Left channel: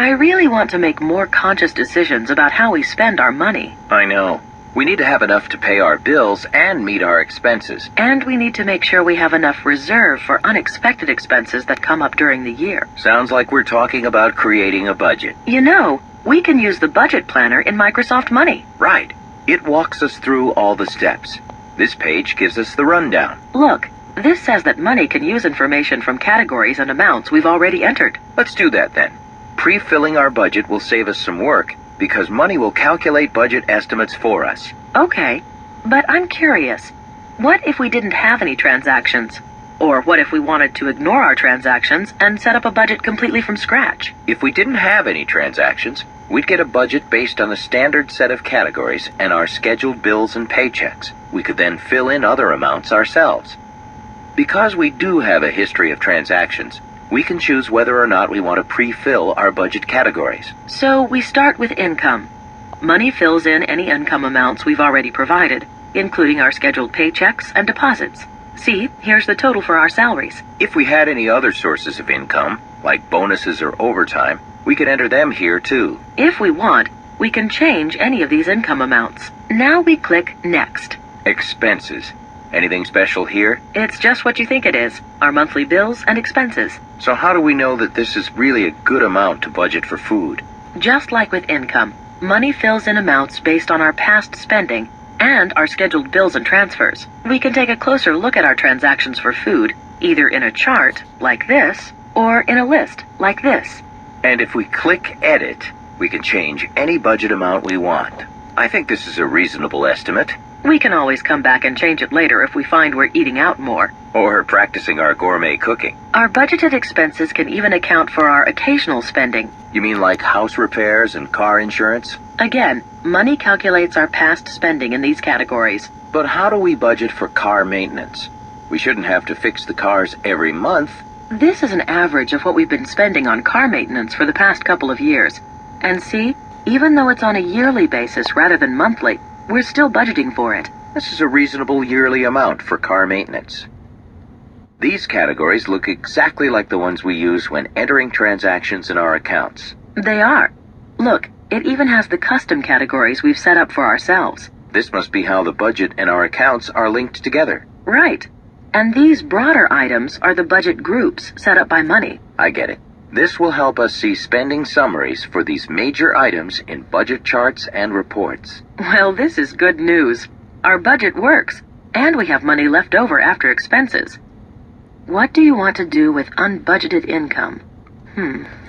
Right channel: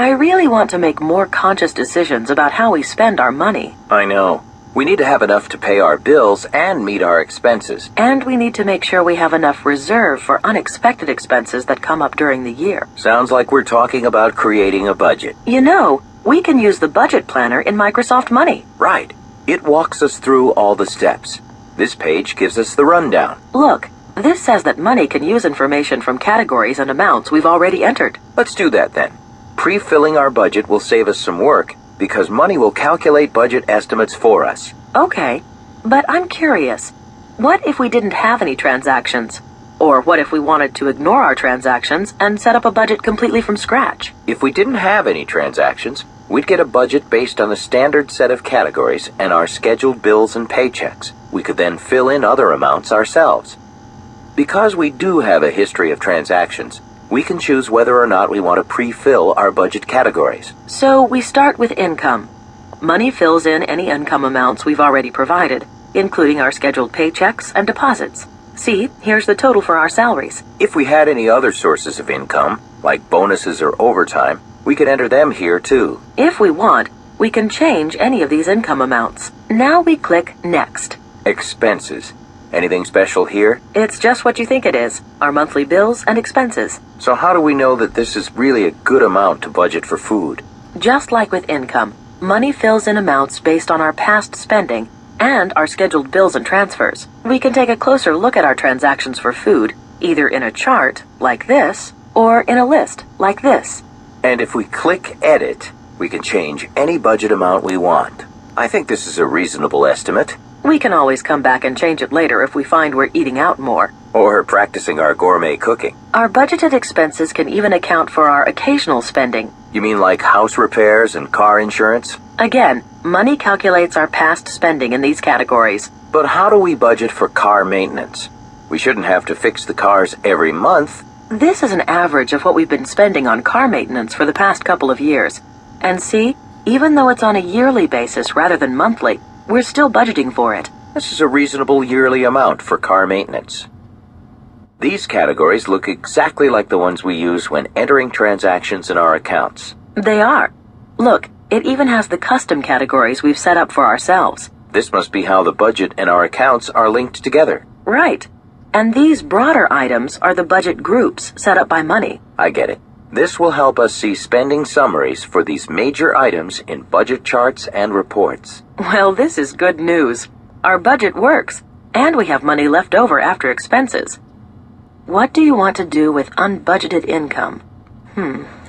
I really want to make more conscious decisions about how we spend our money. I know. We need to have enough to pay our bills and meet our expenses. And we need to make sure we have enough reserve for unexpected expenses that come up during the year. Sounds like we're talking about creating a budget. You know, we can use the budget planner in Microsoft Money. Right. It walks us through all the steps. This page gives us the rundown. Look, this says that Money can use information from categories and amounts we've already entered. Let's do that then. Pre-filling our budget will save us some work because Money will calculate budget estimates for us. Okay, but I'm curious. What if we didn't have any transactions? Or what if we wanted to ignore our transactions and set up a budget completely from scratch? If we didn't have any transactions, we'd get a budget based on a standard set of categories and our scheduled bills and paychecks. We could then fill in other amounts ourselves. Because we do have a history of transactions, we can choose whether or not we want to pre-fill our budget categories. So we start with income. Money fills in any income amounts we've already provided, including our scheduled paychecks and deposits. See, here's the total for our salaries. If we had any other sources of income, like bonuses or overtime, we could enter them here too. If we want, we can change any of these income amounts. Now we click Next. Expenses. Anything special here? It's just what you think it is, our monthly bills and expenses. So how do we know that this is really a good amount to budget for food? Just like with income, Money fills in amounts based on our past spending and our scheduled bills and transfers. We can take a closer look at our transactions for food, either in a chart, like this, or in a list, like this. And if we click Edit, we can change any budget amount we want. I think this is a reasonable estimate. We can always come back and change it later if we find we're eating out more. Or practicing our gourmet cooking. Our budgeted expenses can even account for our occasional spending. You mean like house repairs and car insurance? Again, Money calculates our past spending in these categories. But how do we budget for car maintenance? We shouldn't have to fix the cars every month. This is an average of what we've been spending on car maintenance for the past couple of years. And see, even though it's on a yearly basis rather than monthly, we're still budgeting for it. This is a reasonable yearly amount for car maintenance. These categories look exactly like the ones we use when entering transactions in our accounts. They are. Look, it even has the custom categories we've set up for ourselves. This must be how the budget and our accounts are linked together. Right. And these broader items are the budget groups set up by Money. I get it. This will help us see spending summaries for these major items in budget charts and reports. Well, this is good news. Our budget works, and we have money left over after expenses. What do you want to do with unbudgeted income?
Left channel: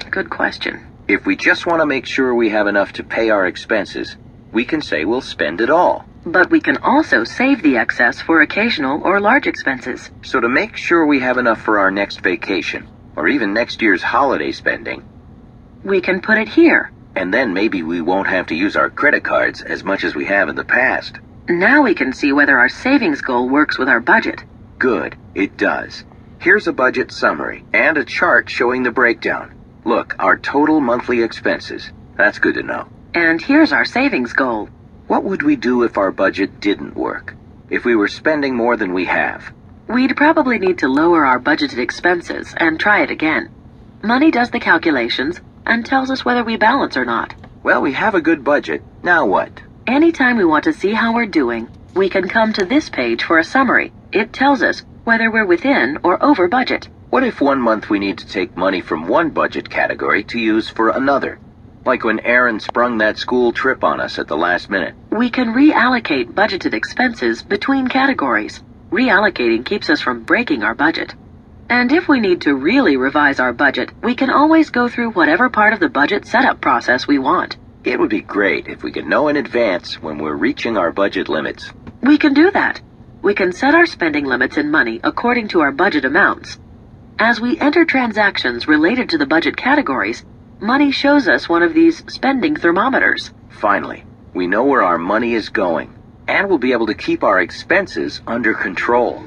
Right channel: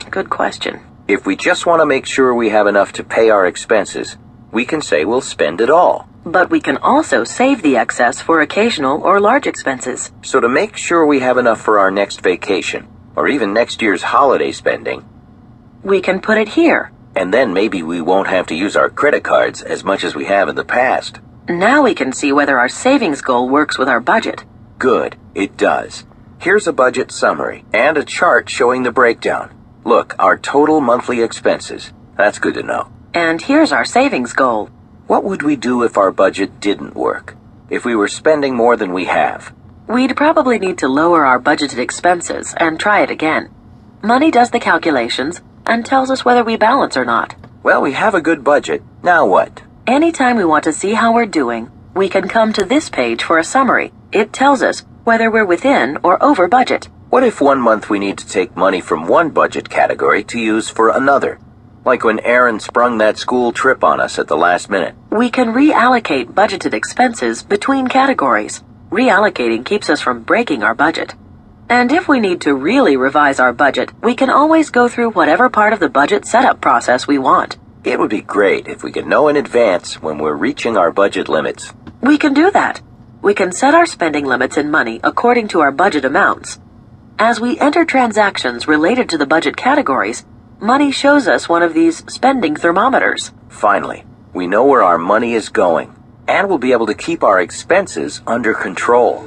Good question. If we just want to make sure we have enough to pay our expenses, we can say we'll spend it all. But we can also save the excess for occasional or large expenses. So to make sure we have enough for our next vacation, or even next year's holiday spending, we can put it here. And then maybe we won't have to use our credit cards as much as we have in the past. Now we can see whether our savings goal works with our budget. Good, it does. Here's a budget summary and a chart showing the breakdown. Look, our total monthly expenses. That's good to know. And here's our savings goal. What would we do if our budget didn't work? If we were spending more than we have? We'd probably need to lower our budgeted expenses and try it again. Money does the calculations and tells us whether we balance or not. Well, we have a good budget. Now what? Anytime we want to see how we're doing, we can come to this page for a summary. It tells us whether we're within or over budget. What if one month we need to take money from one budget category to use for another? Like when Aaron sprung that school trip on us at the last minute. We can reallocate budgeted expenses between categories. Reallocating keeps us from breaking our budget. And if we need to really revise our budget, we can always go through whatever part of the budget setup process we want. It would be great if we could know in advance when we're reaching our budget limits. We can do that. We can set our spending limits in Money according to our budget amounts. As we enter transactions related to the budget categories, Money shows us one of these spending thermometers. Finally, we know where our money is going, and we'll be able to keep our expenses under control.